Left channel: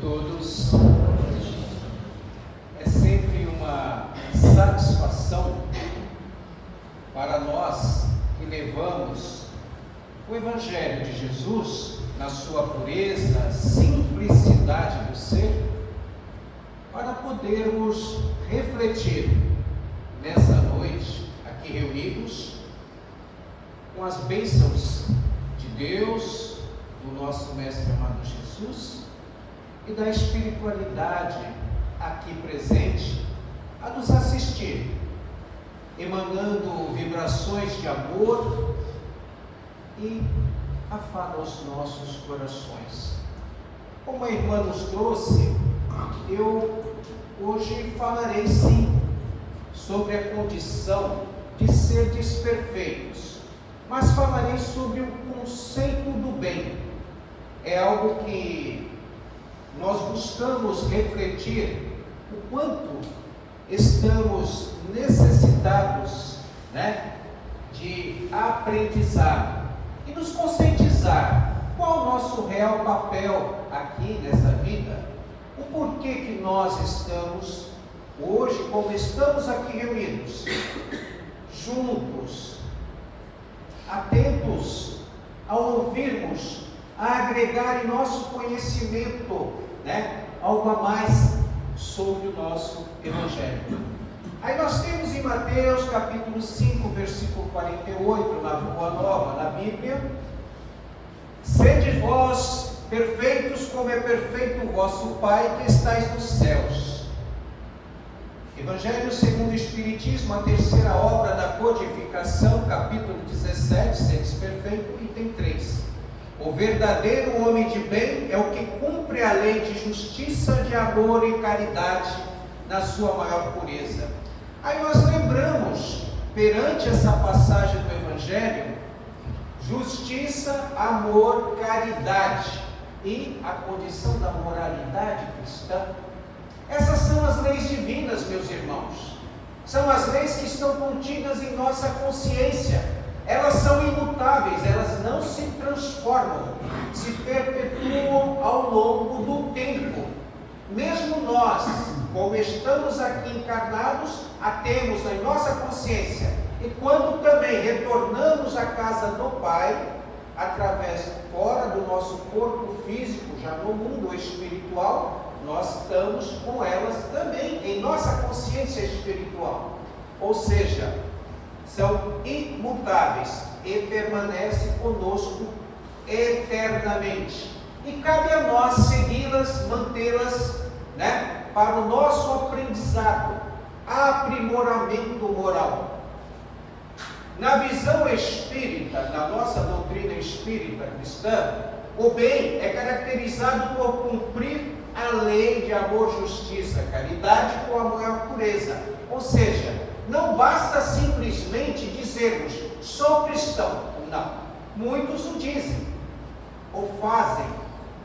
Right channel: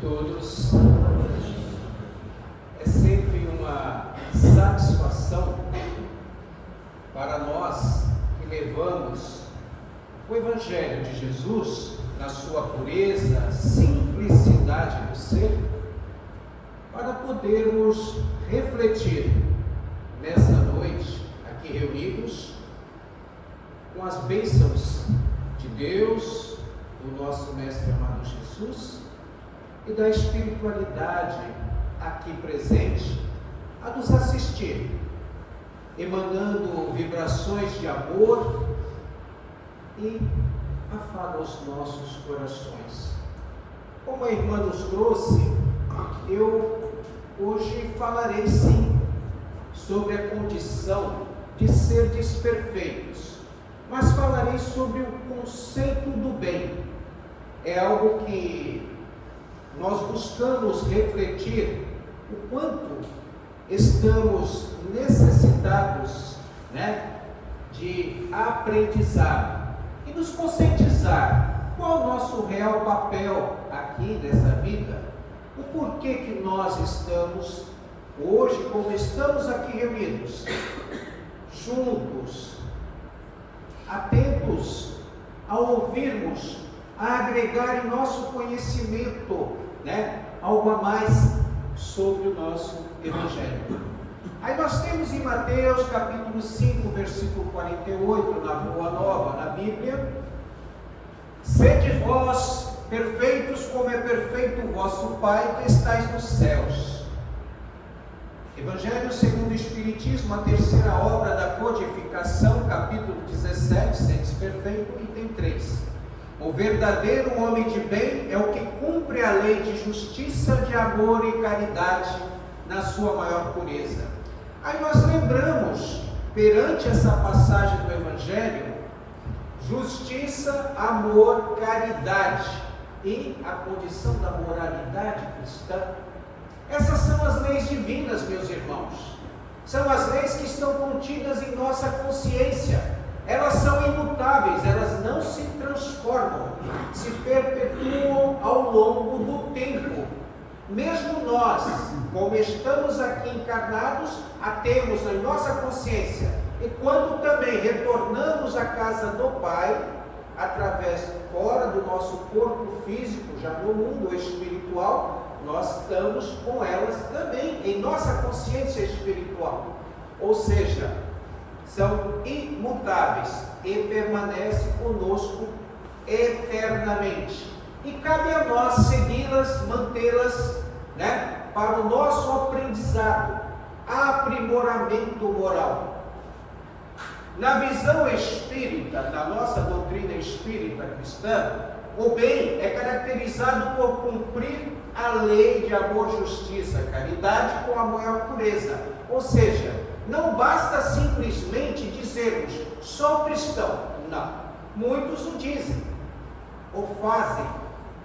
todos. É sempre uma satisfação para nós que levamos o Evangelho de Jesus na sua pureza, simplicidade do ser, para podermos refletir nessa noite aqui reunidos com as bênçãos de Deus, do nosso Mestre amado Jesus e da espiritualidade aqui presente a nos assistir, emanando vibrações de amor e afago aos nossos corações. Como a irmã nos trouxe, eu hoje falarei sim sobre a condição de ser desperfeitos, mas falarei sobre o conceito do bem. É algo que nós buscamos refletir o quanto estamos necessitados, de aprendizado e nos conscientizar qual o nosso real papel aqui nessa vida, o porquê que nós estamos hoje, como estamos aqui reunidos, juntos, atentos a ouvirmos, a agregar em nosso conhecimento, algo a mais sobre o nosso Evangelho. Aí nós temos em Mateus capítulo 5, versículo 48, na Boa Nova, na Bíblia: sede vós perfeitos como é perfeito o vosso Pai que estais nos céus. Evangelho segundo o Espiritismo, a terceira obra da codificação, capítulo 17, sede perfeito, item 3. O verdadeiro homem de bem é o que cumpre a lei de justiça, de amor e caridade na sua maior pureza. Aí nós lembramos, perante essa passagem do Evangelho, justiça, amor, caridade e a condição da moralidade cristã. Essas são as leis divinas, meus irmãos. São as leis que estão contidas em nossa consciência. Elas são imutáveis, elas não se transformam, se perpetuam ao longo do tempo. Mesmo nós, como estamos aqui encarnados, a temos em nossa consciência. E quando também retornamos à casa do Pai, através fora do nosso corpo físico, já no mundo espiritual, nós estamos com elas também em nossa consciência espiritual. Ou seja, são imutáveis e permanecem conosco eternamente. E cabe a nós segui-las, mantê-las, para o nosso aprendizado, aprimoramento moral. Na visão espírita, na nossa doutrina espírita cristã, o bem é caracterizado por cumprir a lei de amor, justiça, caridade com a maior pureza. Ou seja, não basta simplesmente dizermos, sou cristão. Não. Muitos o dizem, ou fazem.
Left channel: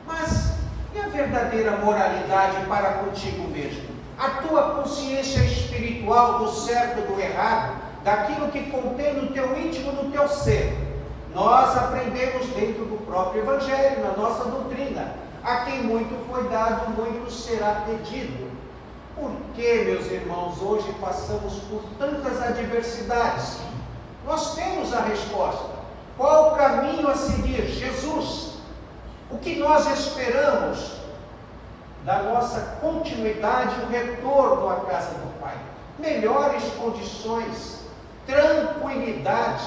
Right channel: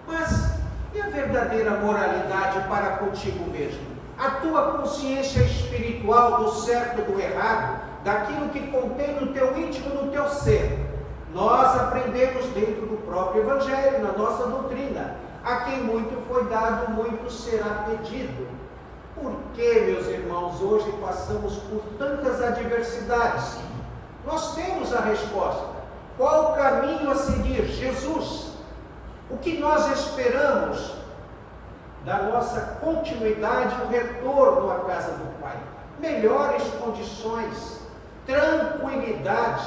Mas e a verdadeira moralidade para contigo mesmo? A tua consciência espiritual do certo e do errado, daquilo que contém no teu íntimo, no teu ser. Nós aprendemos dentro do próprio Evangelho, na nossa doutrina. A quem muito foi dado, muito será pedido. Por que, meus irmãos, hoje passamos por tantas adversidades? Nós temos a resposta. Qual o caminho a seguir? Jesus. O que nós esperamos da nossa continuidade, o retorno à casa do Pai? Melhores condições, tranquilidade,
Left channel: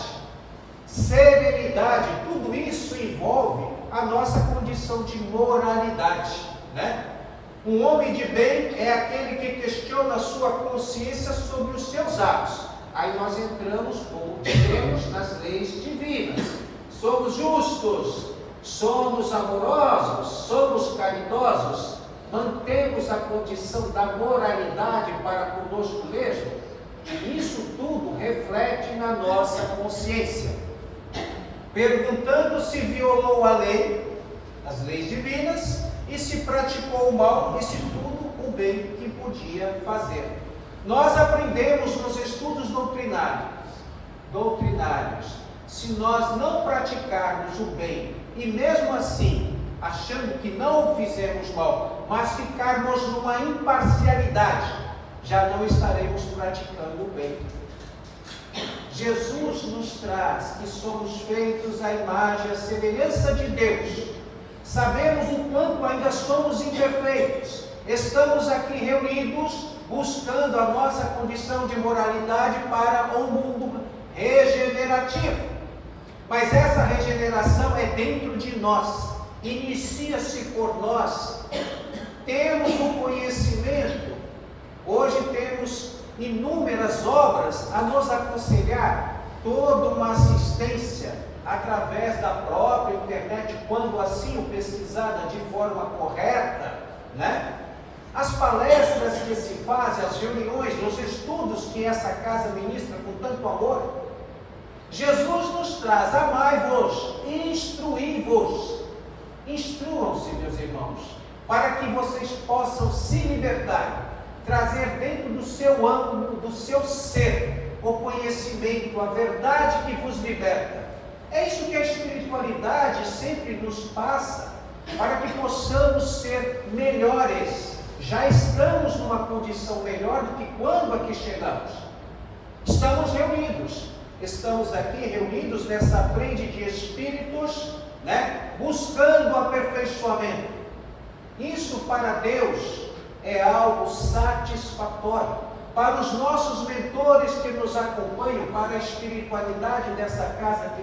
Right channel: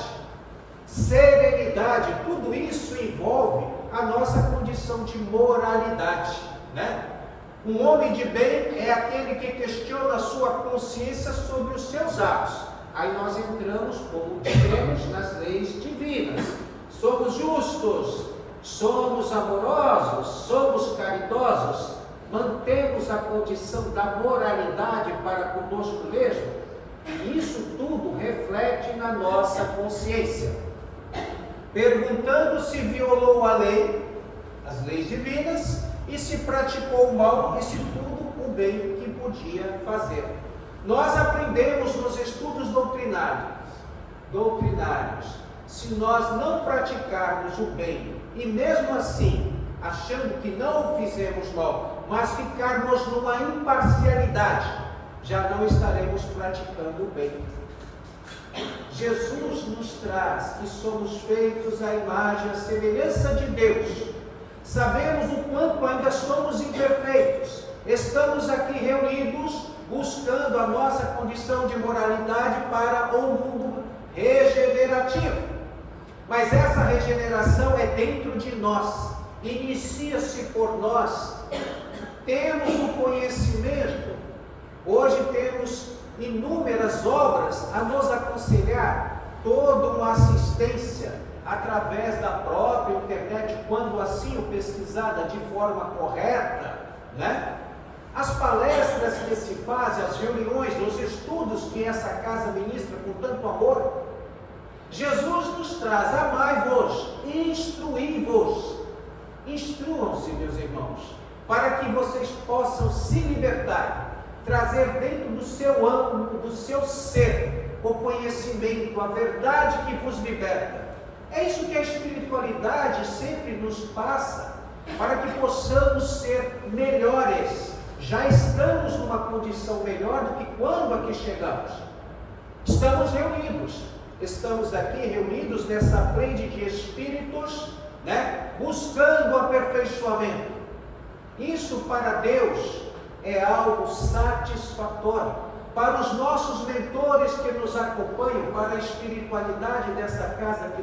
serenidade. Tudo isso envolve a nossa condição de moralidade, Um homem de bem é aquele que questiona a sua consciência sobre os seus atos. Aí nós entramos, como dizemos, nas leis divinas. Somos justos, somos amorosos, somos caridosos, mantemos a condição da moralidade para conosco mesmo. E isso tudo reflete na nossa consciência. Perguntando se violou a lei, as leis divinas, e se praticou o mal, e se tudo o bem que podia fazer. Nós aprendemos nos estudos doutrinários, se nós não praticarmos o bem, e mesmo assim achando que não fizemos mal, mas ficarmos numa imparcialidade, já não estaremos praticando o bem. Jesus nos traz que somos feitos à imagem e à semelhança de Deus. Sabemos o quanto ainda somos imperfeitos. Estamos aqui reunidos buscando a nossa condição de moralidade para um mundo regenerativo. Mas essa regeneração é dentro de nós, inicia-se por nós. Temos o conhecimento, hoje temos inúmeras obras a nos aconselhar, toda uma assistência através da própria internet, quando assim o pesquisada de forma correta, né? As palestras que se fazem, as reuniões, os estudos que essa casa ministra com tanto amor. Jesus nos traz: amai-vos, instruí-vos. Instruam-se, meus irmãos, para que vocês possam se libertar, trazer dentro do seu âmbito, do seu ser, o conhecimento, a verdade que vos liberta. É isso que a espiritualidade sempre nos passa, para que possamos ser melhores. Já estamos numa condição melhor do que quando aqui chegamos. Estamos aqui reunidos nessa frente de espíritos, né, buscando aperfeiçoamento. Isso para Deus é algo satisfatório. Para os nossos mentores que nos acompanham, para a espiritualidade dessa casa que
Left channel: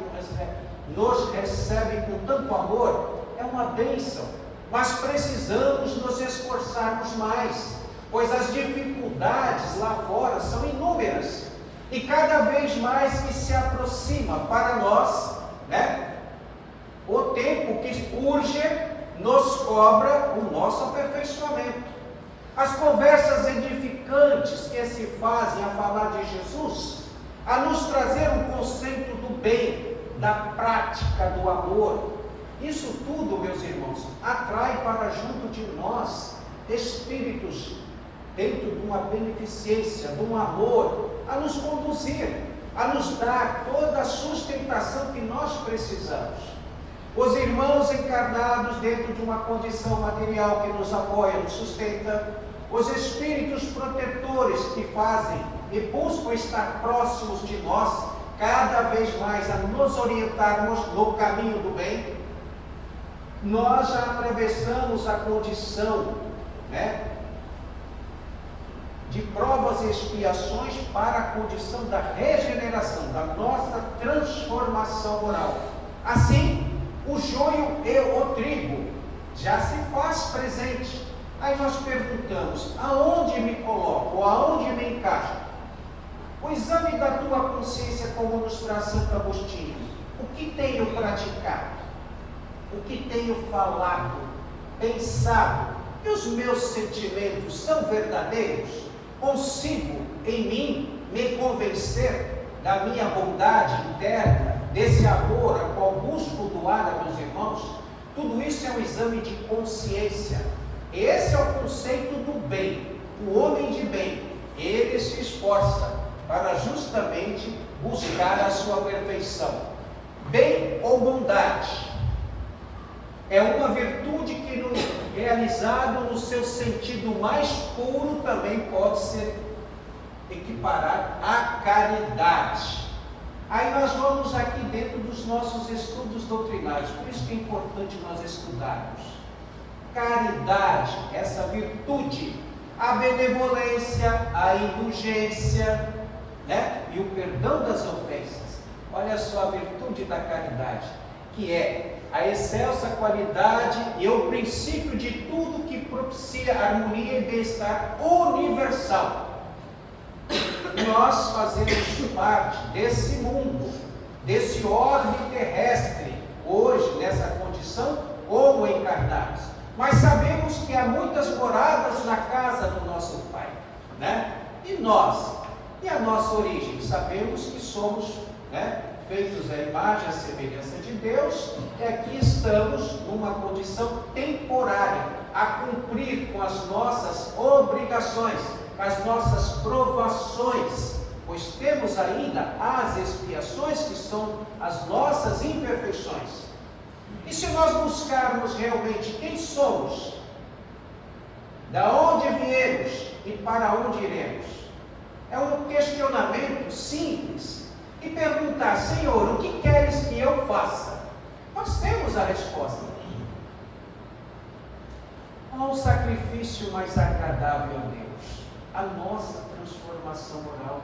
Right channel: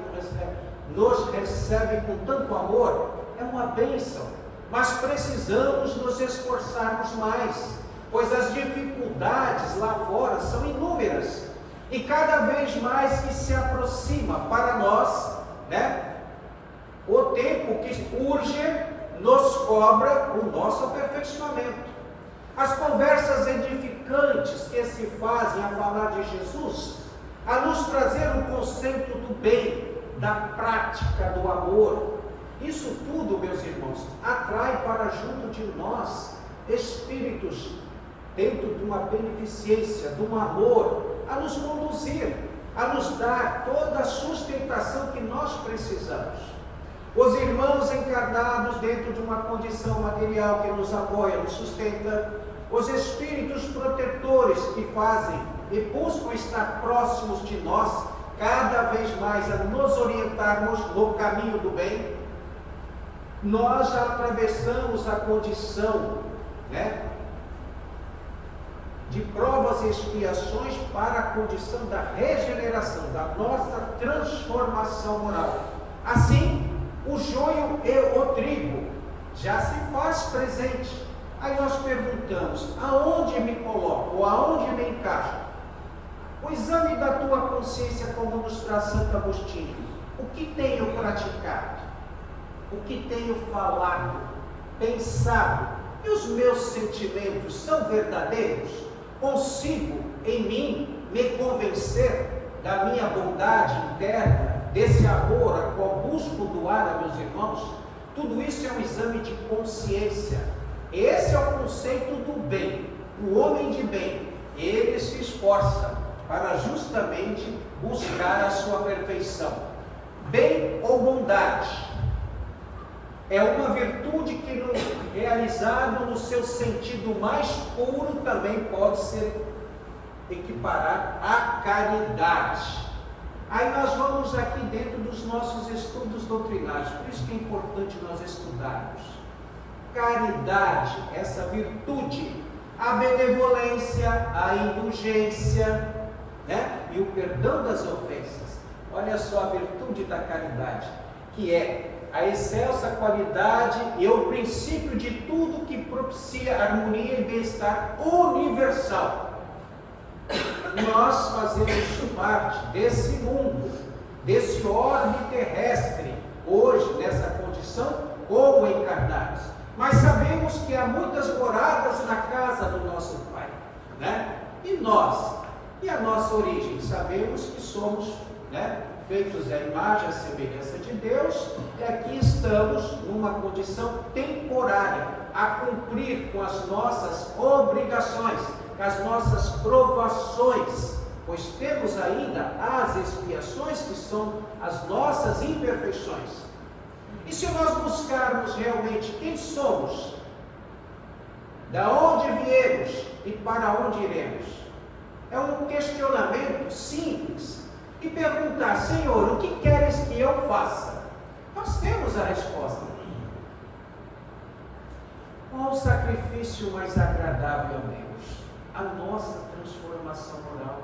nos recebe com tanto amor, é uma bênção. Mas precisamos nos esforçarmos mais, pois as dificuldades lá fora são inúmeras. E cada vez mais que se aproxima para nós, né, o tempo que urge nos cobra o nosso aperfeiçoamento. As conversas edificantes que se fazem a falar de Jesus, a nos trazer um conceito do bem, da prática, do amor. Isso tudo, meus irmãos, atrai para junto de nós espíritos dentro de uma beneficência, de um amor, a nos conduzir, a nos dar toda a sustentação que nós precisamos. Os irmãos encarnados dentro de uma condição material que nos apoia, nos sustenta, os espíritos protetores que fazem e buscam estar próximos de nós, cada vez mais a nos orientarmos no caminho do bem. Nós já atravessamos a condição, né, de provas e expiações para a condição da regeneração, da nossa transformação moral. Assim, o joio e o trigo já se faz presente. Aí nós perguntamos: aonde me coloco? Aonde me encaixo? O exame da tua consciência, como nos traz Santo Agostinho. O que tenho praticado? O que tenho falado, pensado? E os meus sentimentos são verdadeiros? Consigo em mim me convencer da minha bondade interna, desse amor a qual busco doar a meus irmãos? Tudo isso é um exame de consciência. Esse é o conceito do bem. O homem de bem, ele se esforça para justamente buscar a sua perfeição. Bem ou bondade é uma virtude que, realizado no seu sentido mais puro, também pode ser equiparar à caridade. Aí nós vamos aqui dentro dos nossos estudos doutrinários, por isso que é importante nós estudarmos. Caridade, essa virtude, a benevolência, a indulgência, né, e o perdão das ofensas. Olha só a virtude da caridade, que é a excelsa qualidade e o princípio de tudo que propicia harmonia e bem-estar universal. Nós fazemos parte desse mundo, desse orbe terrestre, hoje nessa condição, como encarnados. Mas sabemos que há muitas moradas na casa do nosso Pai, né? E nós, e a nossa origem, sabemos que somos, né, feitos à imagem e à semelhança de Deus, e aqui estamos numa condição temporária, a cumprir com as nossas obrigações, com as nossas provações, pois temos ainda as expiações que são as nossas imperfeições. E se nós buscarmos realmente quem somos, da onde viemos e para onde iremos? É um questionamento simples. E perguntar: Senhor, o que queres que eu faça? Nós temos a resposta. Qual o sacrifício mais agradável a Deus? A nossa transformação moral.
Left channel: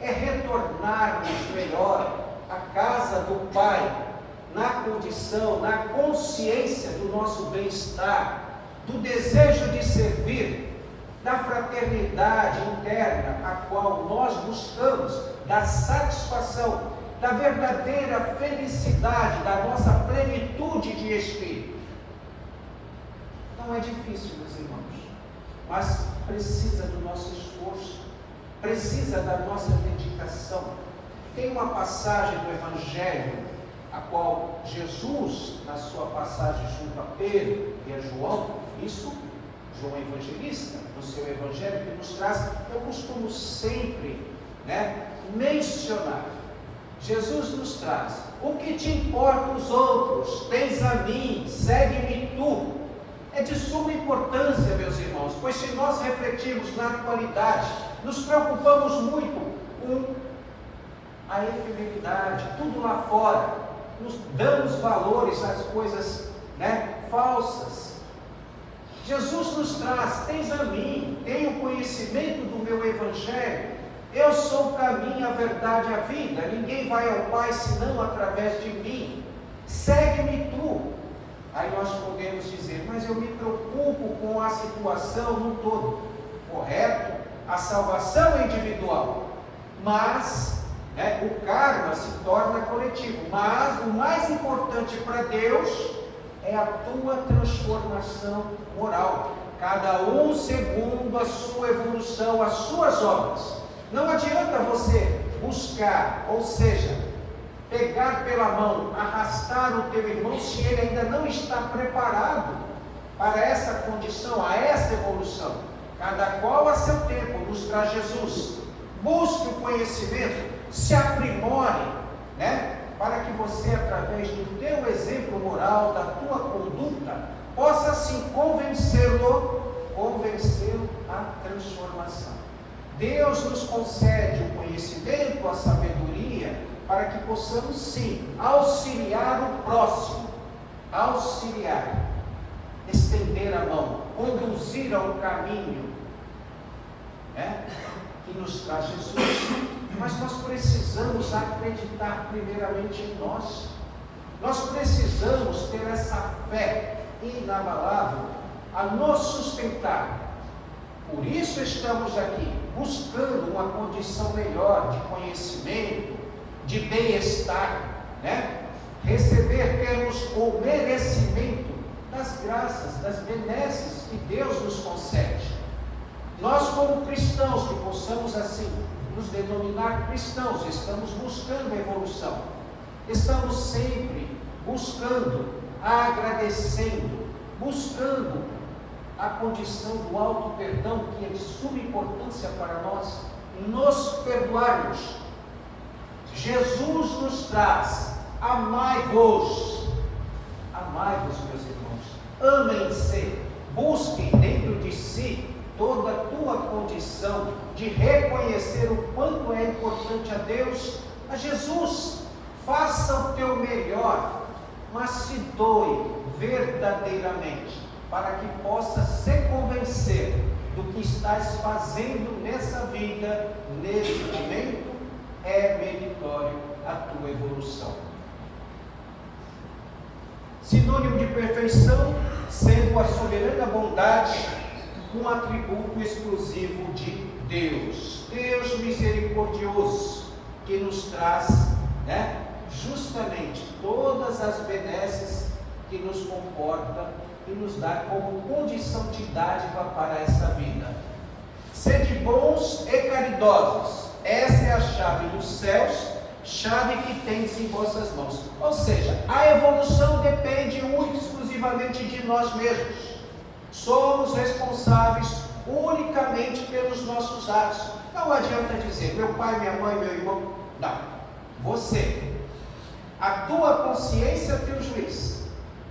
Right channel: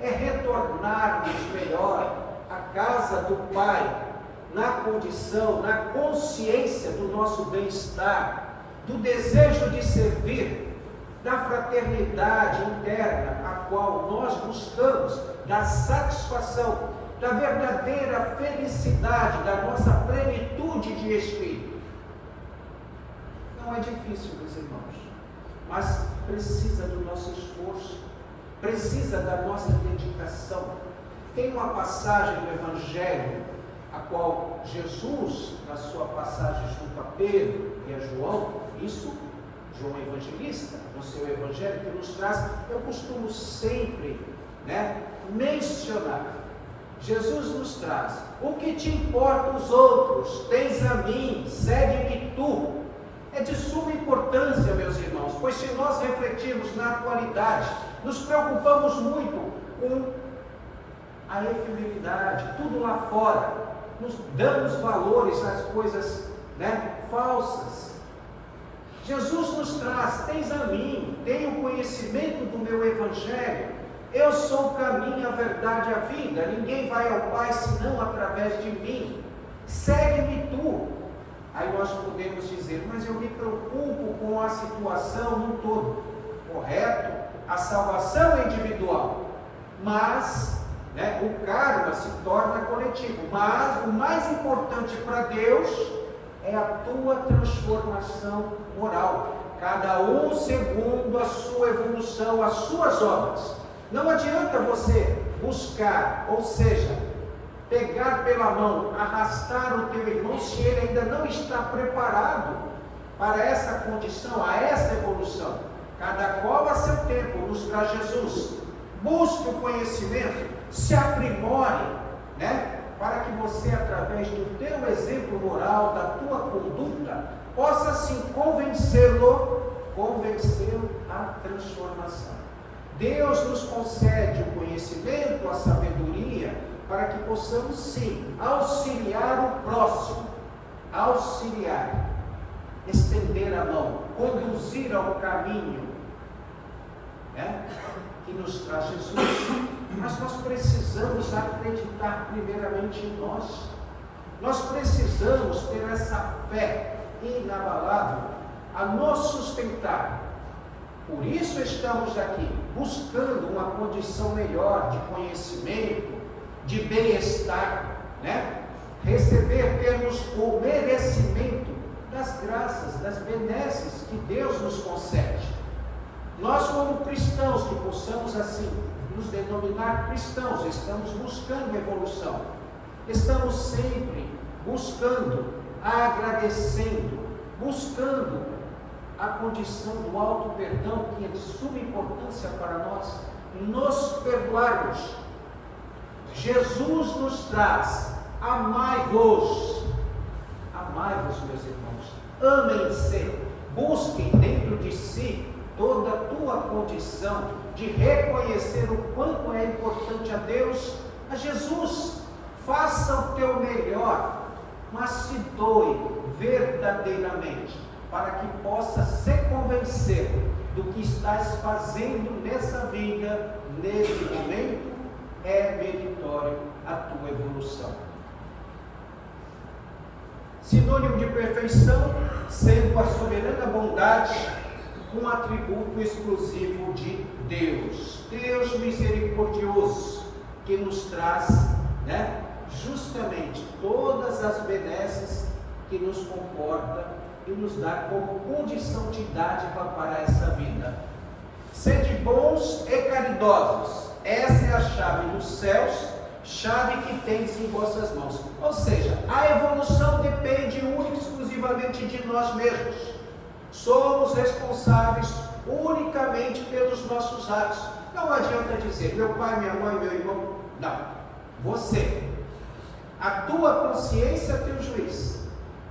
É retornarmos melhor à casa do Pai, na condição, na consciência do nosso bem-estar, do desejo de servir, da fraternidade interna a qual nós buscamos, da satisfação, da verdadeira felicidade, da nossa plenitude de espírito. Não é difícil, meus irmãos, mas precisa do nosso esforço, precisa da nossa dedicação. Tem uma passagem do Evangelho, a qual Jesus, na sua passagem junto a Pedro e a João, isso, João Evangelista, no seu Evangelho, que nos traz, eu costumo sempre mencionar. Jesus nos traz: o que te importa os outros? Tens a mim, segue-me tu. É de suma importância, meus irmãos, pois se nós refletirmos na atualidade, nos preocupamos muito com a efemeridade, tudo lá fora, nos damos valores às coisas falsas. Jesus nos traz: tens a mim, tem o conhecimento do meu Evangelho, eu sou o caminho, a verdade e a vida, ninguém vai ao Pai senão através de mim, segue-me tu. Aí nós podemos dizer: mas eu me preocupo com a situação no todo. Correto, a salvação é individual, mas o karma se torna coletivo. Mas o mais importante para Deus é a tua transformação moral, cada um segundo a sua evolução, as suas obras. Não adianta você buscar, ou seja, pegar pela mão, arrastar o teu irmão, se ele ainda não está preparado para essa condição, a essa evolução. Cada qual a seu tempo, nos traz Jesus. Busque o conhecimento, se aprimore, para que você, através do teu exemplo moral, da tua conduta, possa assim convencê-lo à transformação. Deus nos concede o conhecimento, a sabedoria, para que possamos sim auxiliar o próximo, estender a mão, conduzir ao caminho que nos traz Jesus. Mas nós precisamos acreditar primeiramente em nós. Nós precisamos ter essa fé inabalável a nos sustentar. Por isso estamos aqui, buscando uma condição melhor de conhecimento, de bem-estar, termos o merecimento das graças, das benesses que Deus nos concede. Nós, como cristãos, que possamos assim nos denominar cristãos, estamos buscando a evolução, estamos sempre buscando, agradecendo, buscando a condição do alto perdão, que é de suma importância para nós, nos perdoarmos. Jesus nos traz: amai-vos, meus irmãos, amem-se, busquem dentro de si toda a tua condição de reconhecer o quanto é importante a Deus, a Jesus. Faça o teu melhor, mas se doe verdadeiramente, para que possa se convencer do que estás fazendo nessa vida, nesse momento, é meritório a tua evolução. Sinônimo de perfeição, sendo a soberana bondade um atributo exclusivo de Deus. Deus misericordioso, que nos traz, justamente todas as benesses que nos comporta e nos dá como condição de dádiva para essa vida. Sede bons e caridosos, essa é a chave dos céus, chave que tendes em vossas mãos. Ou seja, a evolução depende única e exclusivamente de nós mesmos. Somos responsáveis unicamente pelos nossos atos. Não adianta dizer: meu pai, minha mãe, meu irmão. Não. Você. A tua consciência é teu juiz.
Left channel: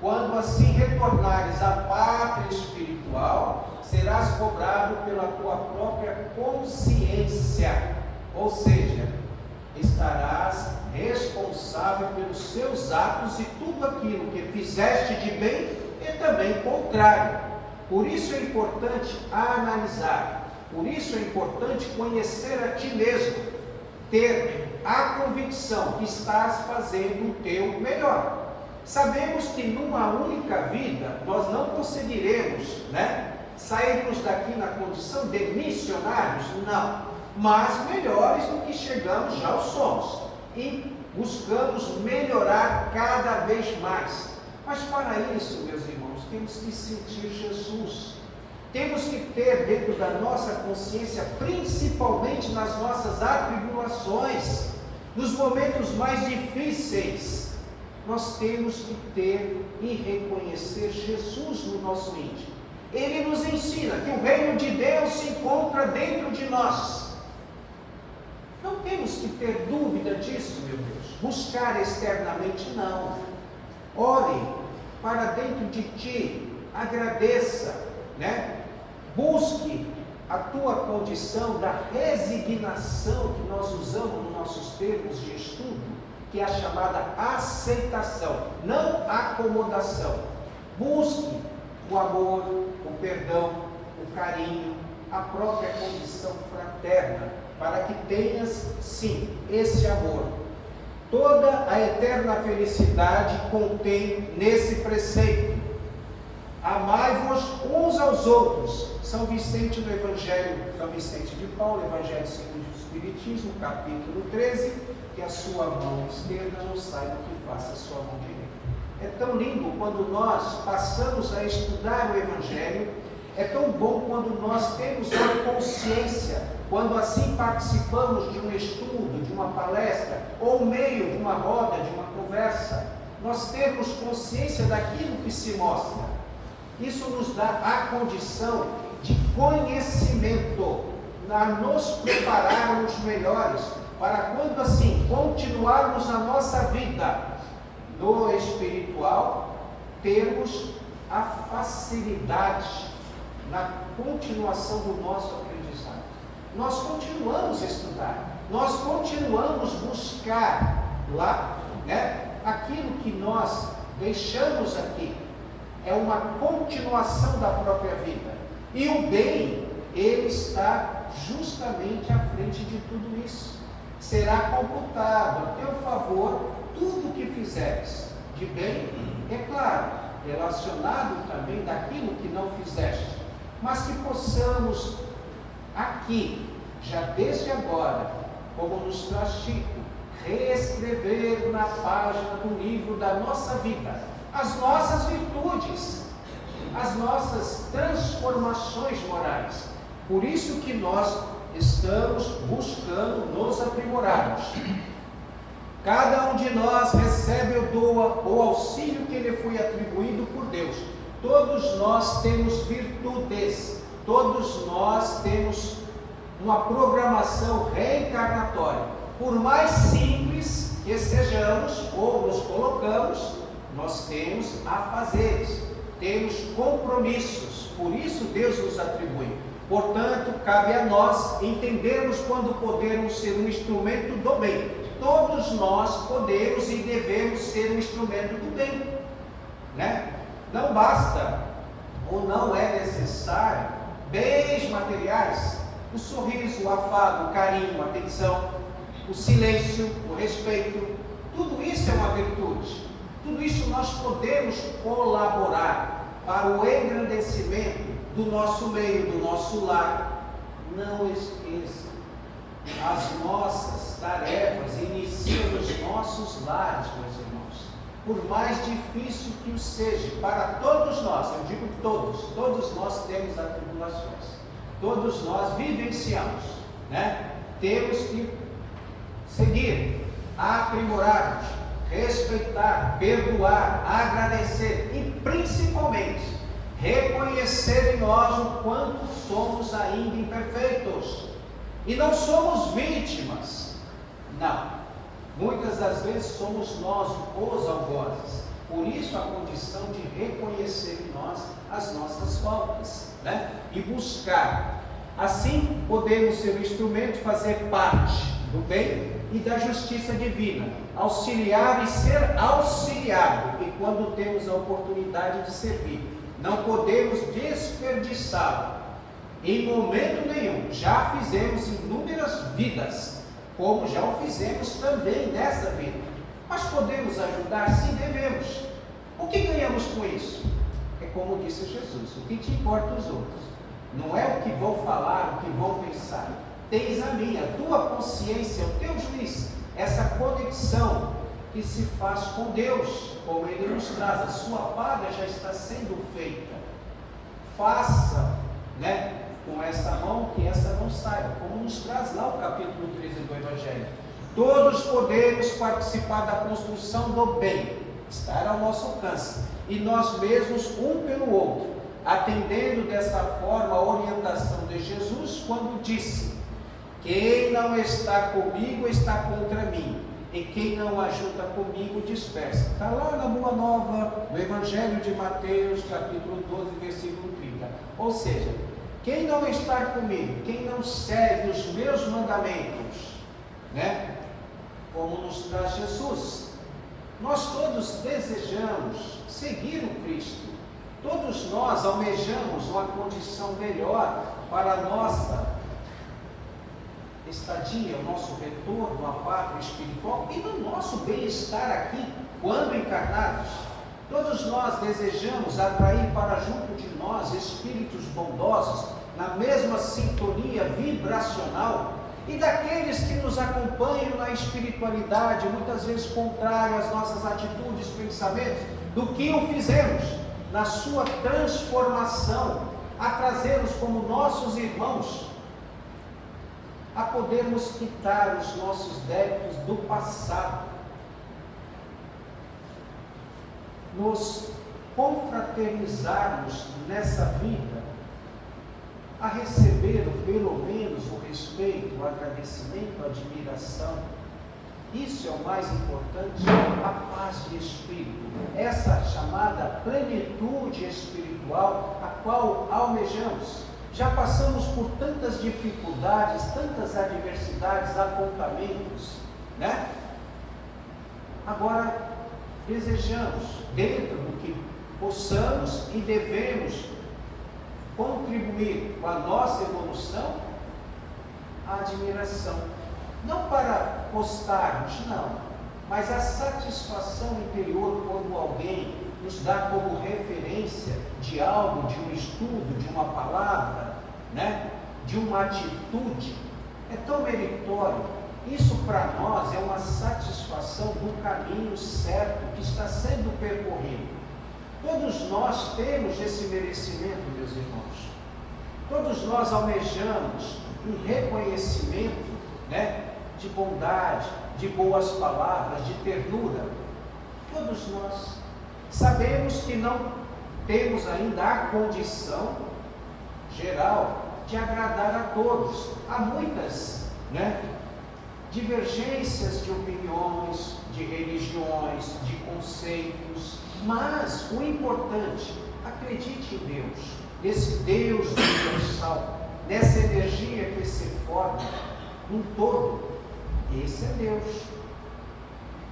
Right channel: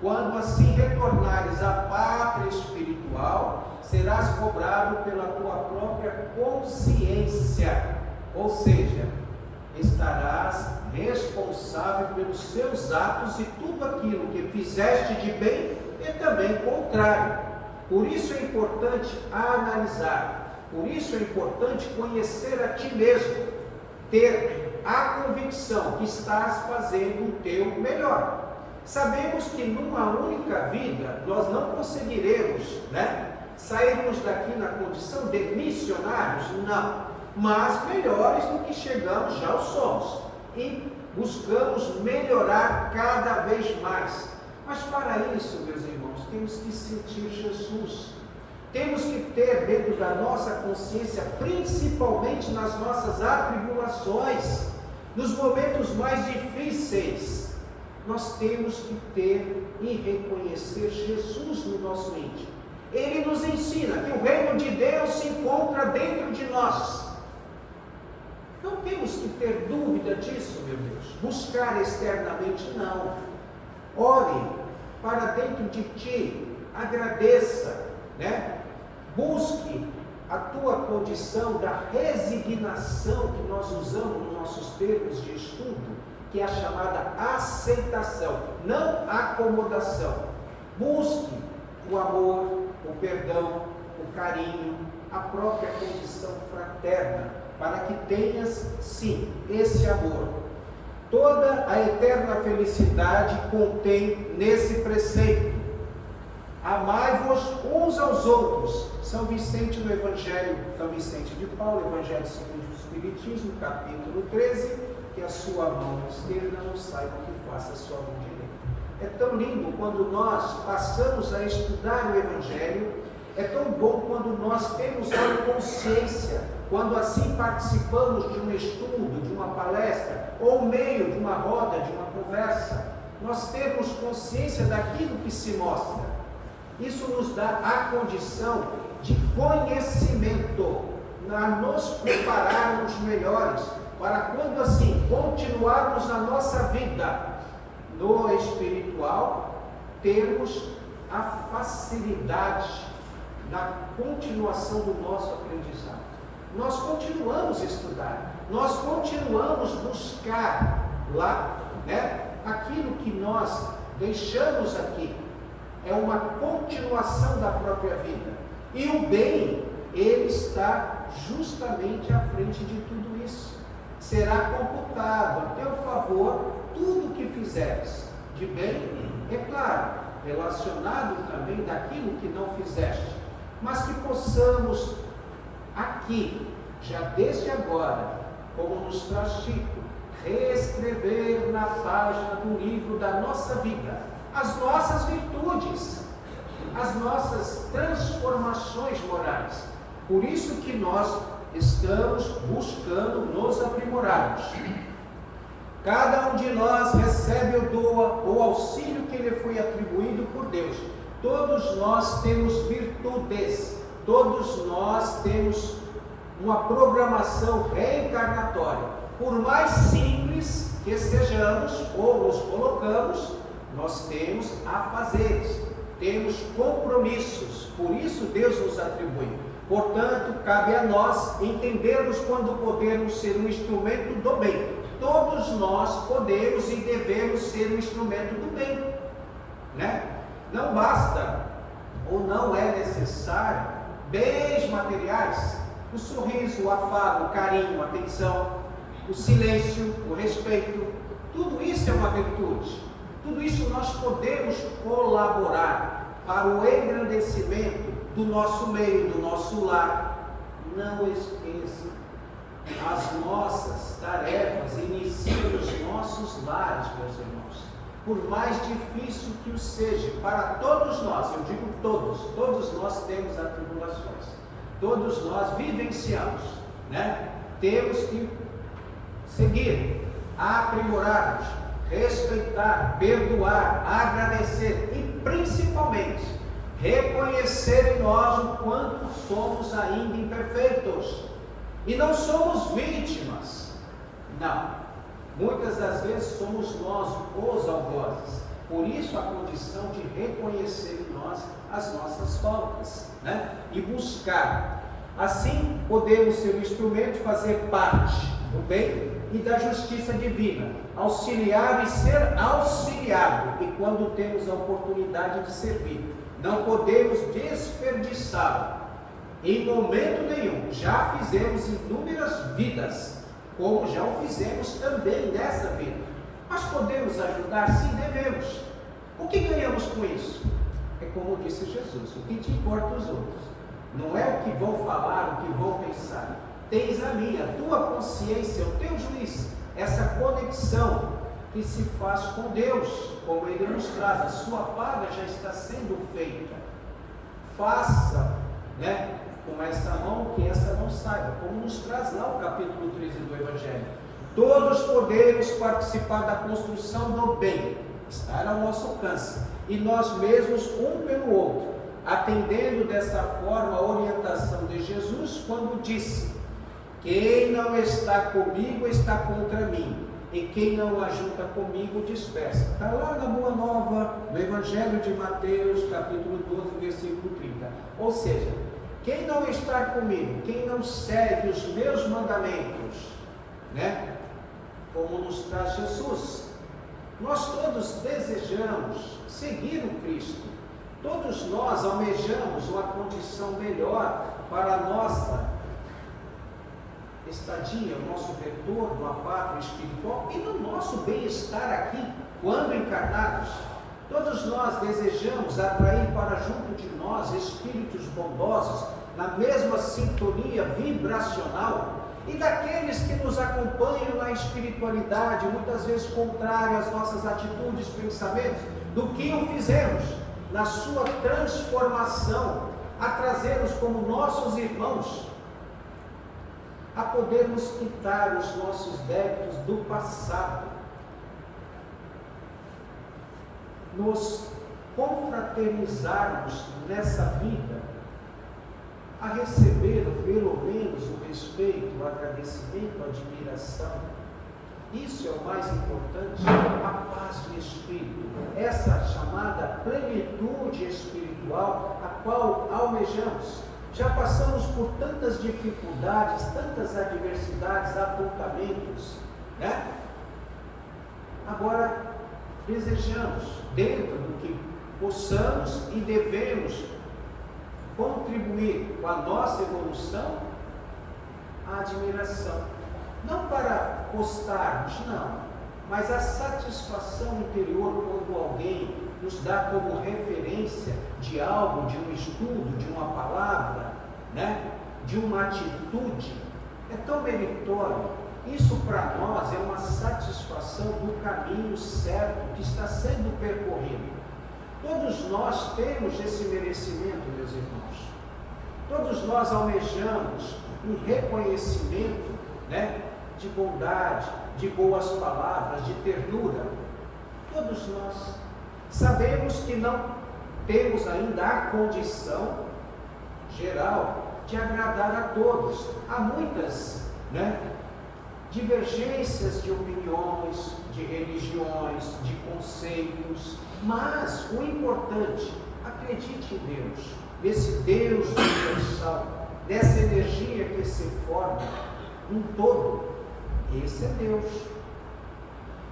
quando assim retornares à pátria espiritual, serás cobrado pela tua própria consciência, ou seja, estarás responsável pelos seus atos e tudo aquilo que fizeste de bem e também contrário. Por isso é importante analisar, por isso é importante conhecer a ti mesmo, ter a convicção que estás fazendo o teu melhor. Sabemos que numa única vida nós não conseguiremos, sairmos daqui na condição de missionários, não, mas melhores do que chegamos já o somos, e buscamos melhorar cada vez mais. Mas para isso, meus irmãos, temos que sentir Jesus, temos que ter dentro da nossa consciência, principalmente nas nossas atribulações, nos momentos mais difíceis, nós temos que ter e reconhecer Jesus no nosso íntimo. Ele nos ensina que o reino de Deus se encontra dentro de nós. Não temos que ter dúvida disso, meu Deus. Buscar externamente, não. Ore para dentro de ti, agradeça, Busque a tua condição da resignação que nós usamos nos nossos termos de estudo, que é a chamada aceitação, não acomodação. Busque o amor, o perdão, o carinho, a própria condição fraterna, para que tenhas, sim, esse amor. Toda a eterna felicidade contém nesse preceito. Amai-vos uns aos outros. São Vicente no Evangelho, São Vicente de Paulo, Evangelho segundo o Espiritismo, capítulo 13, que a sua mão esquerda não saiba que faça a sua mão direita. É tão lindo quando nós passamos a estudar o Evangelho, é tão bom quando nós temos uma consciência, quando assim participamos de um estudo, de uma palestra, ou meio de uma roda, de uma conversa, nós temos consciência daquilo que se mostra. Isso nos dá a condição de conhecimento, a nos prepararmos melhores, para quando assim continuarmos a nossa vida no espiritual, termos a facilidade na continuação do nosso aprendizado. Nós continuamos a estudar, nós continuamos a buscar lá, aquilo que nós deixamos aqui. É uma continuação da própria vida. E o bem, ele está justamente à frente de tudo isso. Será computado a teu favor tudo o que fizeres. De bem, é claro, relacionado também daquilo que não fizeste. Mas que possamos aqui, já desde agora, como nos traz Chico, reescrever na página do livro da nossa vida as nossas virtudes, as nossas transformações morais. Por isso que nós estamos buscando nos aprimorarmos. Cada um de nós recebe o auxílio que lhe foi atribuído por Deus. Todos nós temos virtudes, todos nós temos uma programação reencarnatória. Por mais simples que sejamos ou nos colocamos, nós temos afazeres, temos compromissos, por isso Deus nos atribui. Portanto, cabe a nós entendermos quando podemos ser um instrumento do bem. Todos nós podemos e devemos ser um instrumento do bem, Não basta, ou não é necessário, bens materiais, o sorriso, o afago, o carinho, a atenção, o silêncio, o respeito, tudo isso é uma virtude. Tudo isso nós podemos colaborar para o engrandecimento do nosso meio, do nosso lar. Não esqueça, as nossas tarefas iniciam nos nossos lares, meus irmãos. Por mais difícil que o seja, para todos nós, eu digo todos nós temos atribulações, todos nós vivenciamos, Temos que seguir, aprimorar-nos, respeitar, perdoar, agradecer e principalmente reconhecer em nós o quanto somos ainda imperfeitos e não somos vítimas. Não, muitas das vezes somos nós os algozes, Por isso a condição de reconhecer em nós as nossas faltas, né? E buscar. Assim podemos ser o instrumento de fazer parte do bem e da justiça divina, auxiliar e ser auxiliado, e quando temos a oportunidade de servir, não podemos desperdiçá-lo em momento nenhum. Já fizemos inúmeras vidas, como já o fizemos também nesta vida, mas podemos ajudar? Sim, devemos. O que ganhamos com isso? É como disse Jesus: o que te importa os outros? Não é o que vão falar, o que vão pensar. Tens a minha, a tua consciência, o teu juiz, essa conexão que se faz com Deus, como Ele nos traz. A sua paga já está sendo feita. Faça, né, com essa mão, que essa não saiba, como nos traz lá o capítulo 13 do Evangelho. Todos podemos participar da construção do bem, estar ao nosso alcance, e nós mesmos um pelo outro, atendendo dessa forma a orientação de Jesus quando disse: quem não está comigo está contra mim, e quem não ajunta comigo dispersa. Está lá na Boa Nova, no Evangelho de Mateus, capítulo 12, versículo 30. Ou seja, quem não está comigo, quem não segue os meus mandamentos, né? Como nos traz Jesus. Nós todos desejamos seguir o Cristo. Todos nós almejamos uma condição melhor para a nossa estadia, o nosso retorno à pátria espiritual e no nosso bem-estar aqui, quando encarnados. Todos nós desejamos atrair para junto de nós espíritos bondosos, na mesma sintonia vibracional, e daqueles que nos acompanham na espiritualidade, muitas vezes contrário às nossas atitudes, pensamentos, do que o fizemos, na sua transformação, a trazê-los como nossos irmãos, a podermos quitar os nossos débitos do passado, nos confraternizarmos nessa vida, a receber pelo menos o respeito, o agradecimento, a admiração. Isso é o mais importante, a paz de espírito, essa chamada plenitude espiritual a qual almejamos. Já passamos por tantas dificuldades, tantas adversidades, apontamentos, né? Agora, desejamos, dentro do que possamos e devemos contribuir com a nossa evolução, a admiração. Não para postarmos, não, mas a satisfação interior quando alguém nos dá como referência de algo, de um estudo, de uma palavra, né? De uma atitude, é tão meritório. Isso para nós é uma satisfação do caminho certo que está sendo percorrido. Todos nós temos esse merecimento, meus irmãos. Todos nós almejamos um reconhecimento, né? De bondade, de boas palavras, de ternura. Todos nós sabemos que não temos ainda a condição geral de agradar a todos. Há muitas, né, divergências de opiniões, de religiões, de conceitos, mas o importante, acredite em Deus, nesse Deus universal, nessa energia que se forma um todo. Esse é Deus.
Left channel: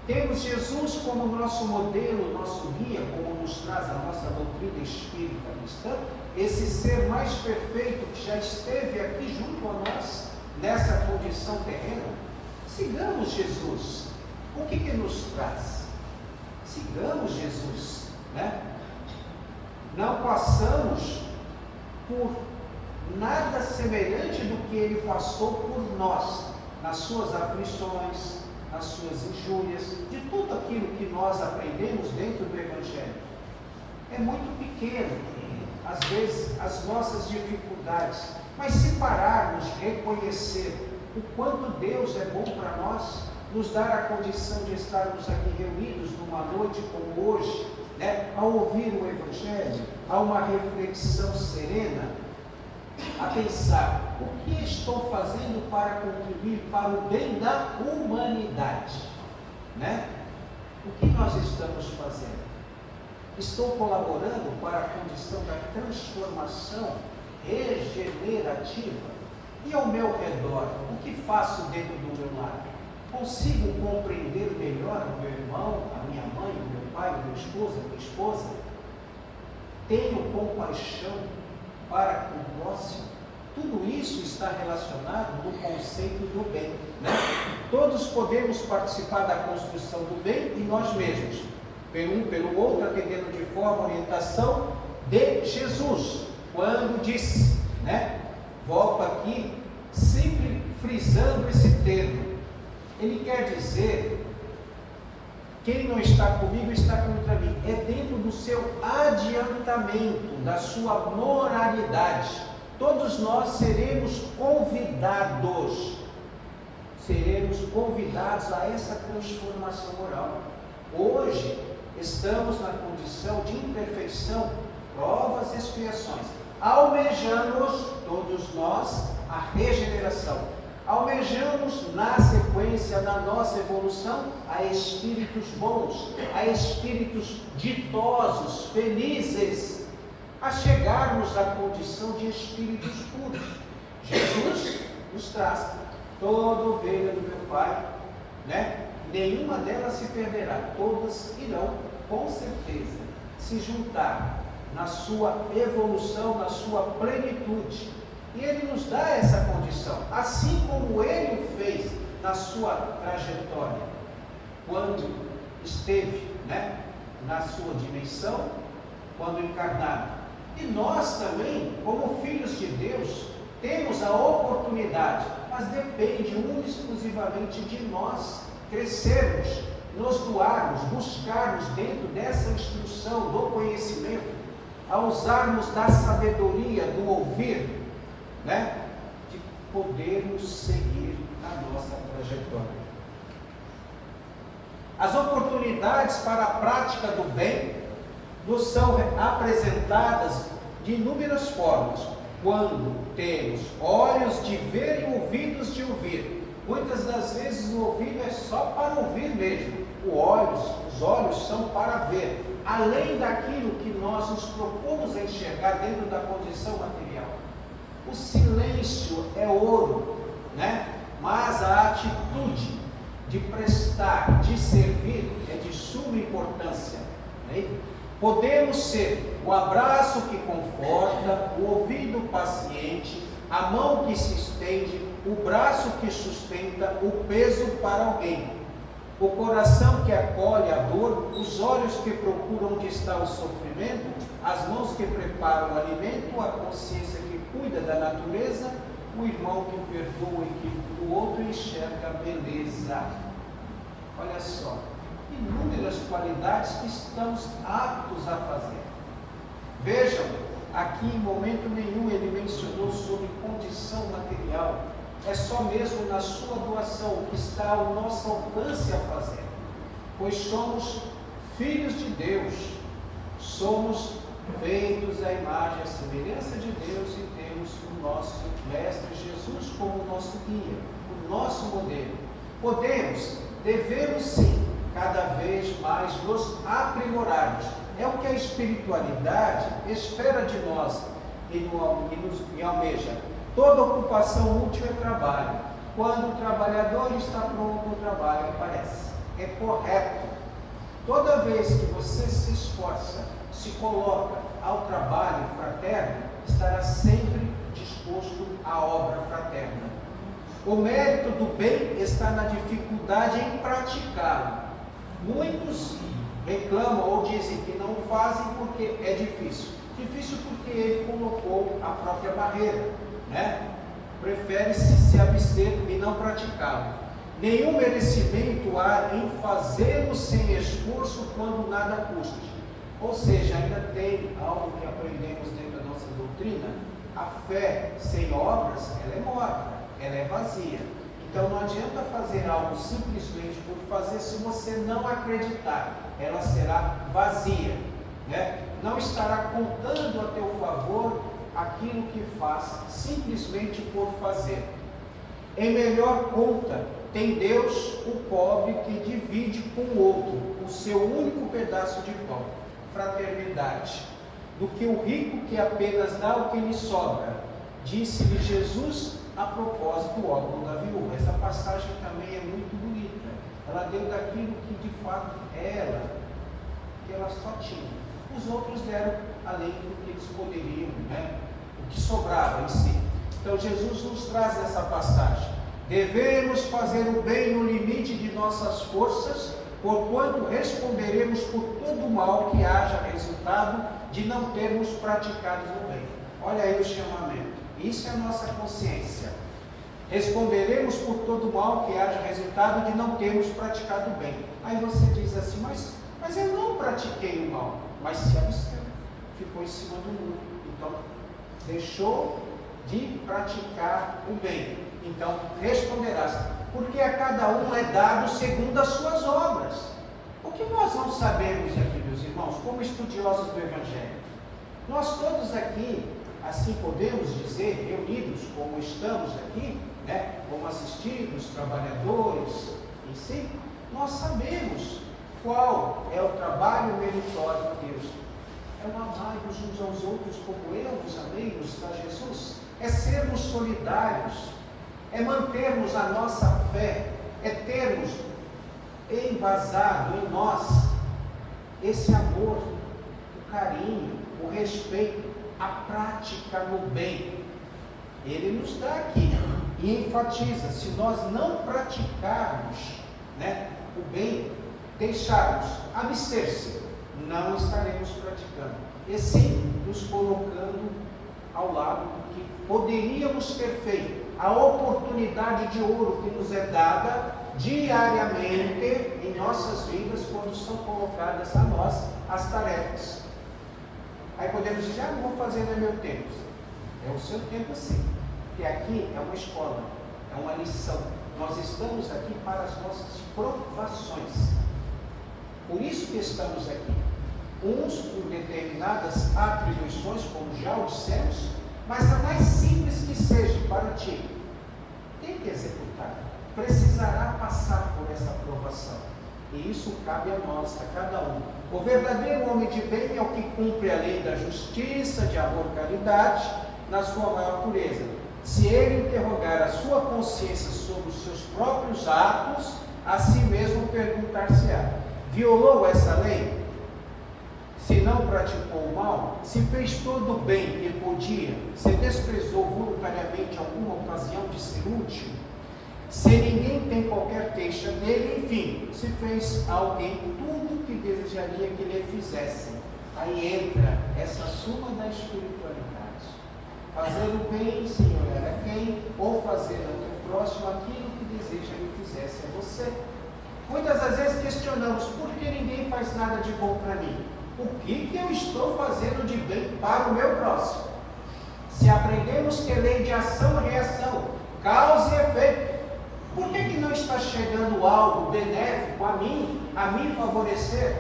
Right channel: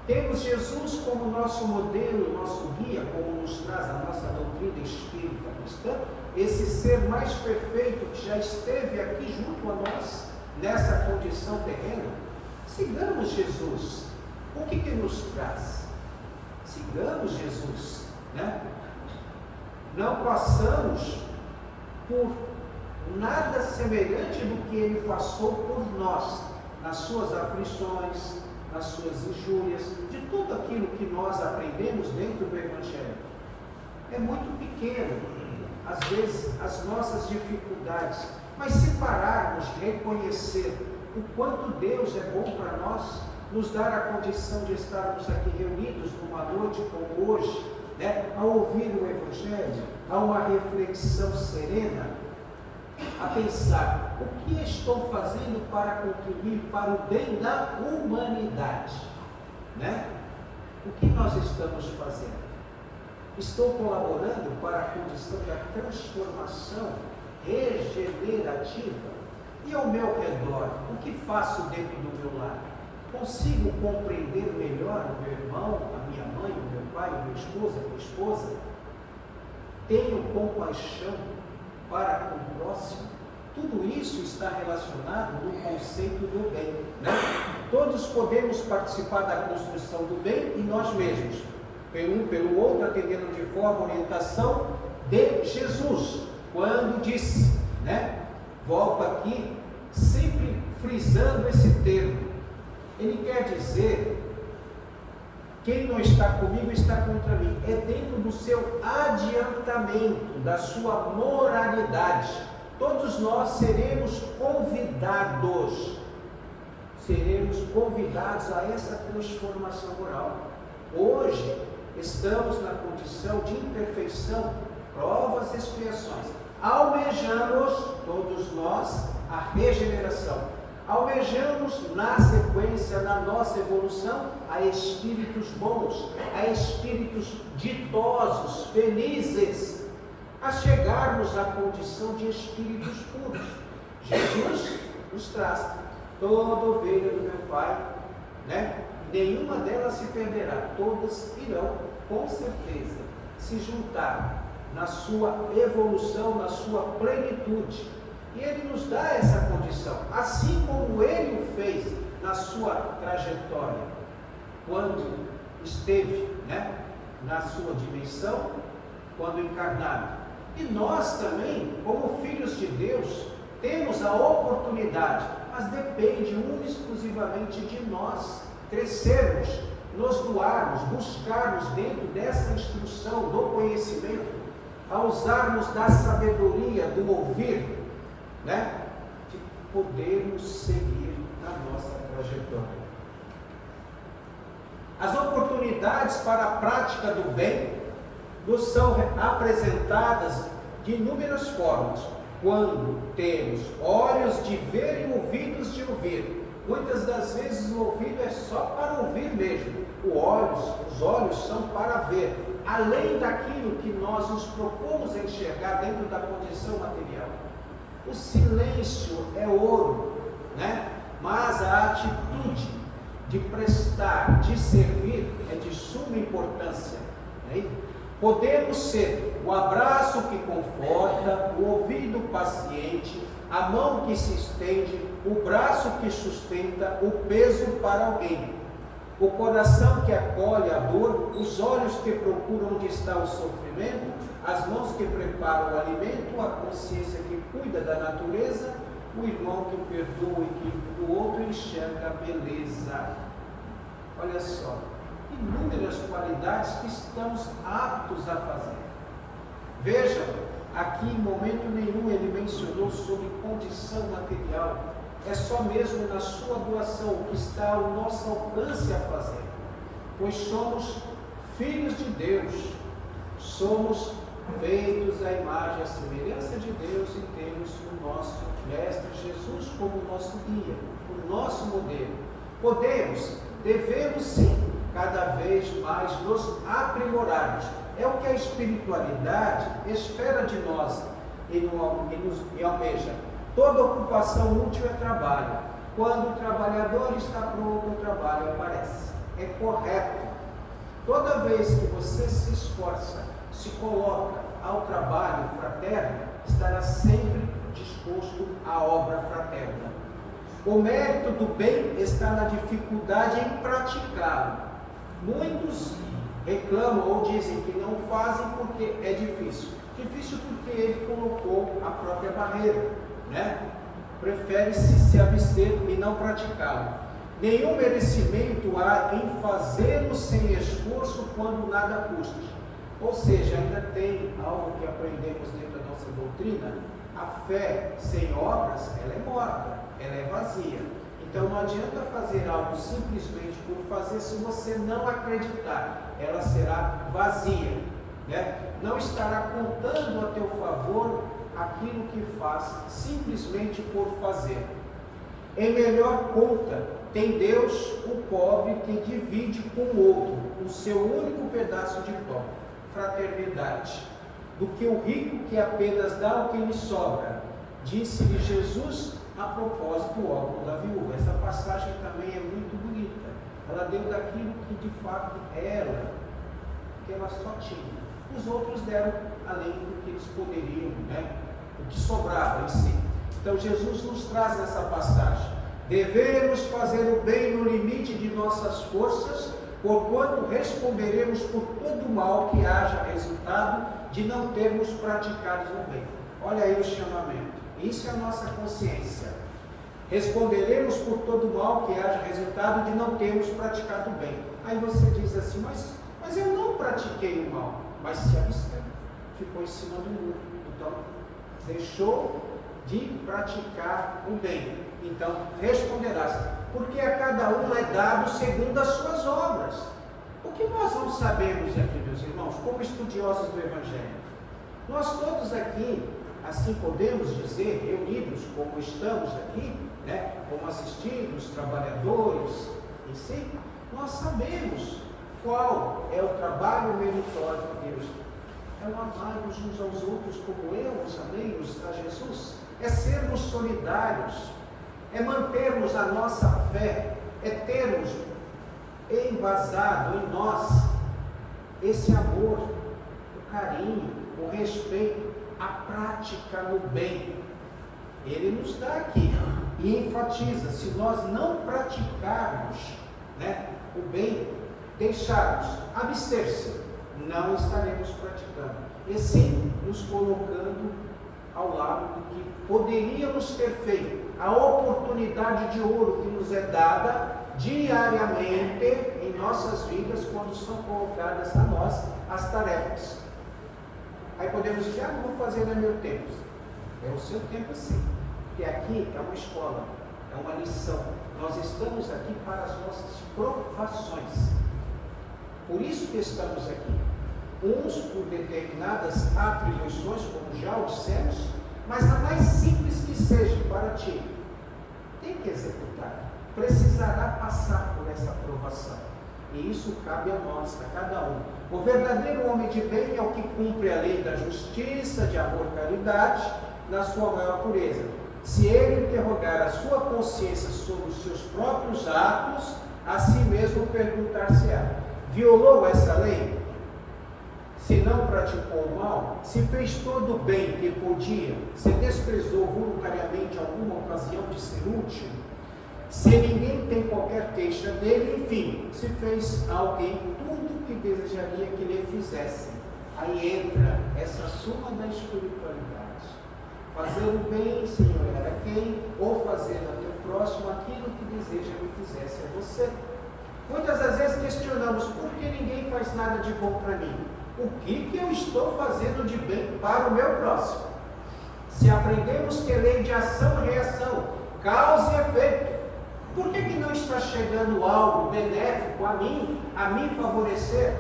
Temos Jesus como nosso modelo, nosso guia, como nos traz a nossa doutrina espírita cristã, esse ser mais perfeito que já esteve aqui junto a nós, nessa condição terrena. Sigamos Jesus. O que nos traz? Sigamos Jesus, né? Não passamos por nada semelhante do que Ele passou por nós, nas suas aflições, nas suas injúrias, de tudo aquilo que nós aprendemos dentro do Evangelho. É muito pequeno, às vezes, as nossas dificuldades, mas se pararmos, reconhecer o quanto Deus é bom para nós, nos dar a condição de estarmos aqui reunidos numa noite como hoje, né, a ouvir o Evangelho, a uma reflexão serena, a pensar: o que estou fazendo para contribuir para o bem da humanidade, né? O que nós estamos fazendo? Estou colaborando para a condição da transformação regenerativa? E ao meu redor, o que faço dentro do meu lar? Consigo compreender melhor o meu irmão, a minha mãe, o meu pai, o meu esposo, a minha esposa? Tenho compaixão para com o próximo? Tudo isso está relacionado no conceito do bem, né? Todos podemos participar da construção do bem e nós mesmos, pelo outro, atendendo de forma a orientação de Jesus, quando disse, né? Volto aqui, sempre frisando esse termo. Ele quer dizer, quem não está comigo está contra mim. É dentro do seu adiantamento, da sua moralidade. Todos nós seremos convidados a essa transformação moral. Hoje, estamos na condição de imperfeição, provas e expiações. Almejamos, todos nós, a regeneração. Almejamos, na sequência, na nossa evolução, a espíritos bons, a espíritos ditosos, felizes, a chegarmos à condição de espíritos puros. Jesus nos traz: toda ovelha do meu Pai, né? Nenhuma delas se perderá, todas irão, com certeza, se juntar na sua evolução, na sua plenitude. E Ele nos dá essa condição, assim como Ele o fez na sua trajetória, quando esteve, né, na sua dimensão, quando encarnado. E nós também, como filhos de Deus, temos a oportunidade, mas depende exclusivamente de nós crescermos, nos doarmos, buscarmos dentro dessa instrução, do conhecimento, a usarmos da sabedoria, do ouvir, né, de podermos seguir na nossa trajetória. As oportunidades para a prática do bem nos são apresentadas de inúmeras formas, quando temos olhos de ver e ouvidos de ouvir. Muitas das vezes o ouvido é só para ouvir mesmo, os olhos são para ver, além daquilo que nós nos propomos a enxergar dentro da condição material. O silêncio é ouro, né? Mas a atitude de prestar, de servir, é de suma importância, né? Podemos ser o abraço que conforta, o ouvido paciente, a mão que se estende, o braço que sustenta, o peso para alguém, o coração que acolhe a dor, os olhos que procuram onde está o sofrimento, as mãos que preparam o alimento, a consciência que cuida da natureza, o irmão que perdoa o equívoco do outro e enxerga a beleza. Olha só, inúmeras qualidades que estamos aptos a fazer. Vejam, aqui em momento nenhum ele mencionou sobre condição material. É só mesmo na sua doação o que está ao nosso alcance a fazer. Pois somos filhos de Deus, somos feitos à imagem e à semelhança de Deus e temos o nosso Mestre Jesus como nosso guia, o nosso modelo. Devemos sim, cada vez mais nos aprimorarmos. É o que a espiritualidade espera de nós e almeja. Toda ocupação útil é trabalho. Quando o trabalhador está pronto, o trabalho aparece. É correto. Toda vez que você se esforça, se coloca ao trabalho fraterno, estará sempre disposto à obra fraterna. O mérito do bem está na dificuldade em praticá-lo. Muitos reclamam ou dizem que não fazem porque é difícil. Difícil porque ele colocou a própria barreira, né? Prefere-se se abster e não praticá-lo. Nenhum merecimento há em fazê-lo sem esforço quando nada custa. Ou seja, ainda tem algo que aprendemos dentro da nossa doutrina: a fé sem obras, ela é morta, ela é vazia. Então não adianta fazer algo simplesmente por fazer se você não acreditar, ela será vazia, né? Não estará contando a teu favor aquilo que faz simplesmente por fazer. Em melhor conta tem Deus o pobre que divide com o outro o seu único pedaço de pão. fraternidade do que o rico que apenas dá o que lhe sobra, disse-lhe Jesus a propósito do óbolo da viúva. Essa passagem também é muito bonita. Ela deu daquilo que de fato ela, que ela só tinha. Os outros deram além do que eles poderiam, né? O que sobrava em si. Então Jesus nos traz essa passagem. Devemos fazer o bem no limite de nossas forças, porquanto responderemos por todo o mal que haja resultado de não termos praticado o bem. Olha aí o chamamento. Isso é a nossa consciência. Responderemos por todo o mal que haja resultado de não termos praticado o bem. Aí você diz assim, mas eu não pratiquei o mal, mas se absteve, ficou em cima do muro. Então, deixou de praticar o bem. Então, responderás, porque a cada um é dado segundo as suas obras. O que nós não sabemos aqui, meus irmãos, como estudiosos do Evangelho? Nós todos aqui, assim podemos dizer, reunidos como estamos aqui, né, como assistidos, trabalhadores em si, nós sabemos qual é o trabalho meritório de Deus. É o amar-nos uns aos outros como eu os amei, nos traz Jesus. É sermos solidários, é mantermos a nossa fé, é termos embasado em nós esse amor, o carinho, o respeito, a prática no bem. Ele nos dá aqui e enfatiza, se nós não praticarmos, né, o bem, deixarmos, abster-se, não estaremos praticando, e sim nos colocando ao lado do que poderíamos ter feito, a oportunidade de ouro que nos é dada diariamente em nossas vidas quando são colocadas a nós as tarefas. Aí podemos dizer, não vou fazer no meu tempo. É o seu tempo sim, porque aqui é uma escola, é uma lição. Nós estamos aqui para as nossas provações. Por isso que estamos aqui. Uns por determinadas atribuições, como já o dissemos, mas a mais simples que seja para ti, tem que executar. Precisará passar por essa provação. E isso cabe a nós, a cada um. O verdadeiro homem de bem é o que cumpre a lei da justiça, de amor e caridade, na sua maior pureza. Se ele interrogar a sua consciência sobre os seus próprios atos, a si mesmo perguntar-se-á: violou essa lei? Se não praticou o mal, se fez todo o bem que podia, se desprezou voluntariamente alguma ocasião de ser útil, se ninguém tem qualquer queixa dele, enfim, se fez a alguém tudo que desejaria que lhe fizessem. Aí entra essa suma da espiritualidade. Fazer o bem, Senhor, a quem? Ou fazer ao teu próximo aquilo que deseja que fizesse a você. Muitas das vezes questionamos, por que ninguém faz nada de bom para mim? O que eu estou fazendo de bem para o meu próximo? Se aprendemos que lei de ação e reação, causa e efeito, por que não está chegando algo benéfico a mim favorecer?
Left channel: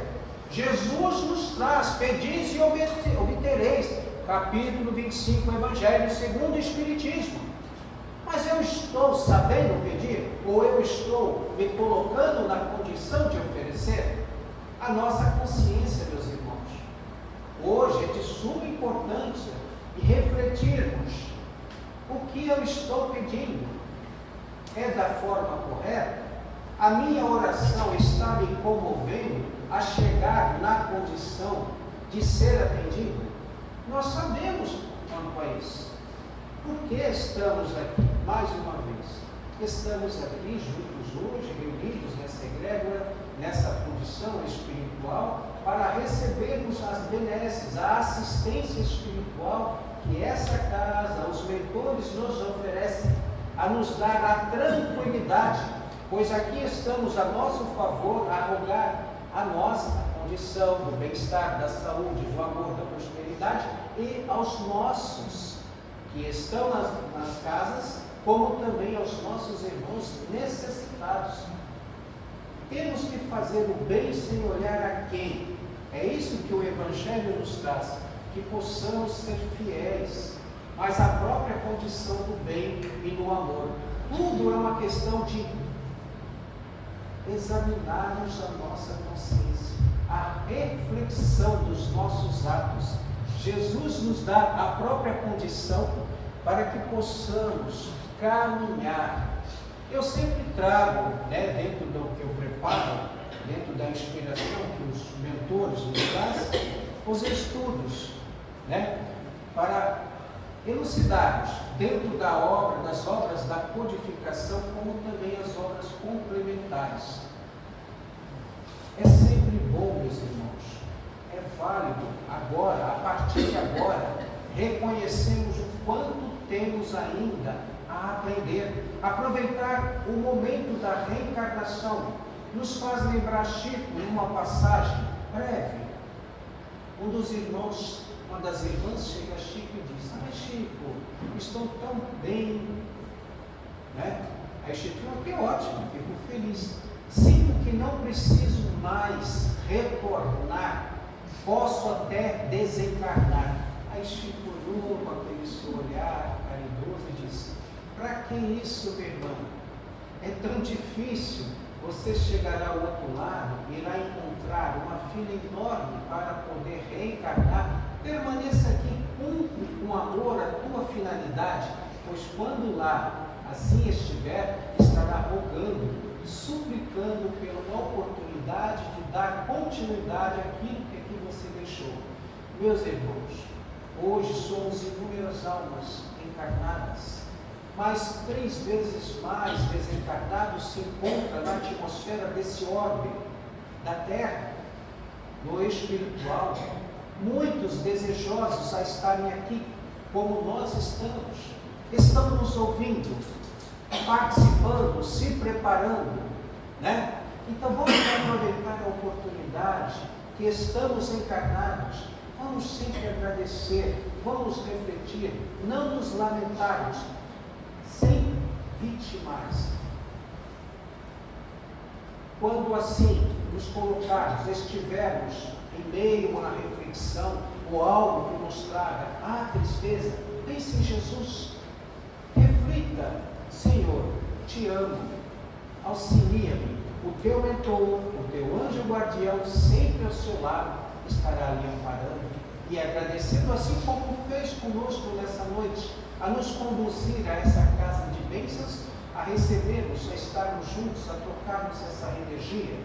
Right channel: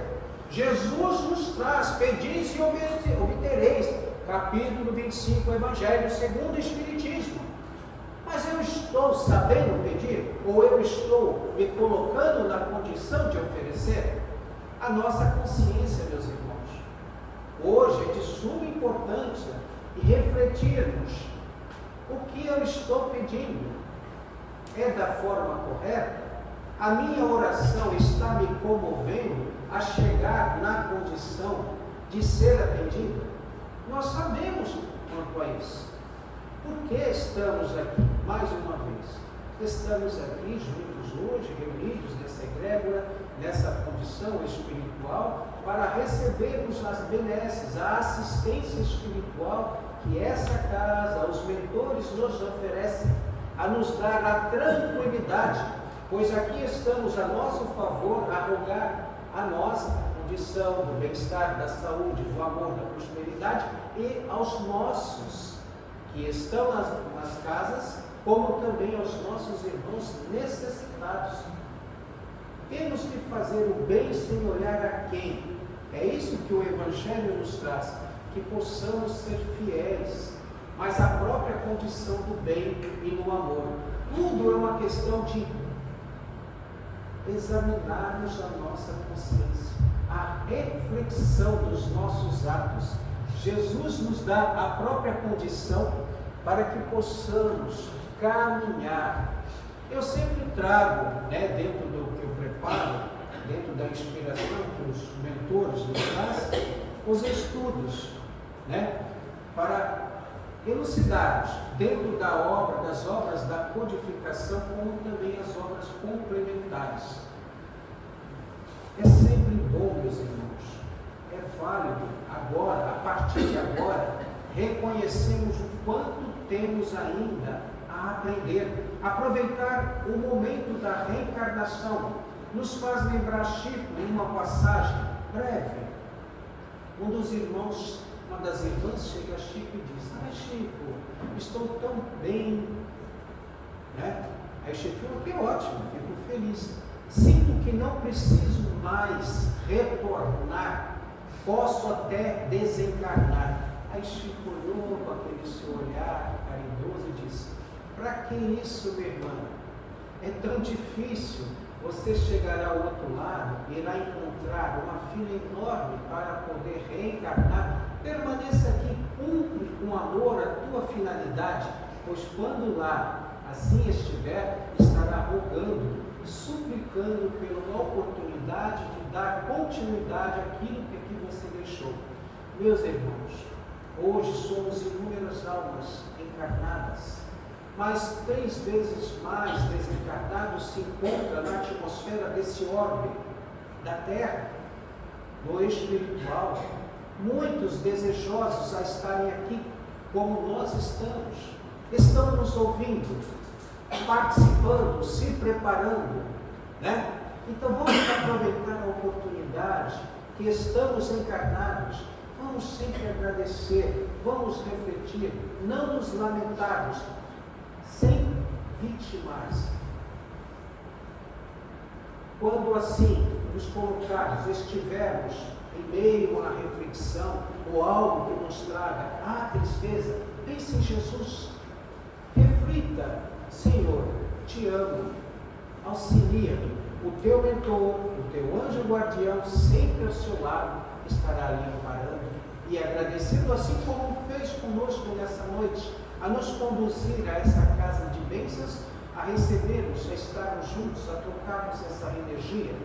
Jesus nos traz, pedis e obtereis, capítulo 25 do Evangelho segundo o Espiritismo. Mas eu estou sabendo pedir? Ou eu estou me colocando na condição de oferecer? A nossa consciência, meus irmãos, hoje é de suma importância refletirmos o que eu estou pedindo. É da forma correta? A minha oração está me comovendo a chegar na condição de ser atendido? Nós sabemos quanto a isso. Por que estamos aqui, mais uma vez? Estamos aqui juntos hoje, reunidos nessa egrégora, nessa condição espiritual, para recebermos as benesses, a assistência espiritual que essa casa, os mentores nos oferecem, a nos dar a tranquilidade, pois aqui estamos a nosso favor, a rogar a nossa condição do bem-estar, da saúde, do amor, da prosperidade, e aos nossos que estão nas casas, como também aos nossos irmãos necessitados. Temos que fazer o bem sem olhar a quem. É isso que o Evangelho nos traz, que possamos ser fiéis, mas a própria condição do bem e do amor. Tudo é uma questão de examinarmos a nossa consciência, a reflexão dos nossos atos. Jesus nos dá a própria condição para que possamos caminhar. Eu sempre trago, dentro do que eu preparo, dentro da inspiração que os mentores nos trazem, os estudos, para elucidarmos dentro da obra, das obras da codificação, como também as obras complementares. É sempre bom, meus irmãos, é válido agora, a partir de agora, reconhecermos o quanto temos ainda a aprender, aproveitar o momento da reencarnação. Nos faz lembrar Chico, em uma passagem breve, um dos irmãos, uma das irmãs chega a Chico e diz: ai Chico, estou tão bem, Aí Chico falou: que ótimo, fico feliz, sinto que não preciso mais retornar, posso até desencarnar. Aí Chico olhou com aquele seu olhar caridoso e disse: para que isso, meu irmão? É tão difícil. Você chegará ao outro lado, irá encontrar uma fila enorme para poder reencarnar. Permaneça aqui, cumpre com amor a tua finalidade, pois quando lá assim estiver, estará rogando, suplicando pela oportunidade de dar continuidade àquilo que aqui você deixou. Meus irmãos, hoje somos inúmeras almas encarnadas, mas 3 vezes mais desencarnados se encontram na atmosfera desse orbe da Terra, no espiritual. Muitos desejosos a estarem aqui, como nós estamos nos ouvindo, participando, se preparando, Então vamos aproveitar a oportunidade que estamos encarnados. Vamos sempre agradecer, vamos refletir, não nos lamentarmos, sem vitimar. Quando assim nos colocarmos, estivermos em meio a uma reflexão ou algo que nos traga a tristeza, pense em Jesus, reflita: Senhor, te amo, auxilia-me, o teu mentor, o teu anjo guardião, sempre ao seu lado, estará ali amparando e agradecendo, assim como fez conosco nessa noite, a nos conduzir a essa casa de bênçãos, a recebermos, a estarmos juntos, a trocarmos essa energia,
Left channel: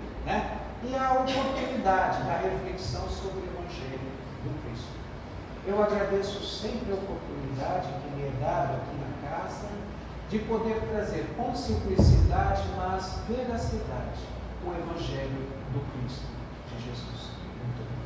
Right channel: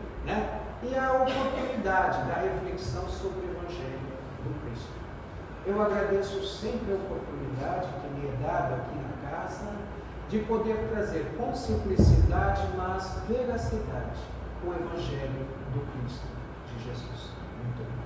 E a oportunidade da reflexão sobre o Evangelho do Cristo. Eu agradeço sempre a oportunidade que me é dada aqui na casa, de poder trazer com simplicidade, mas veracidade, o Evangelho do Cristo de Jesus. Muito bem.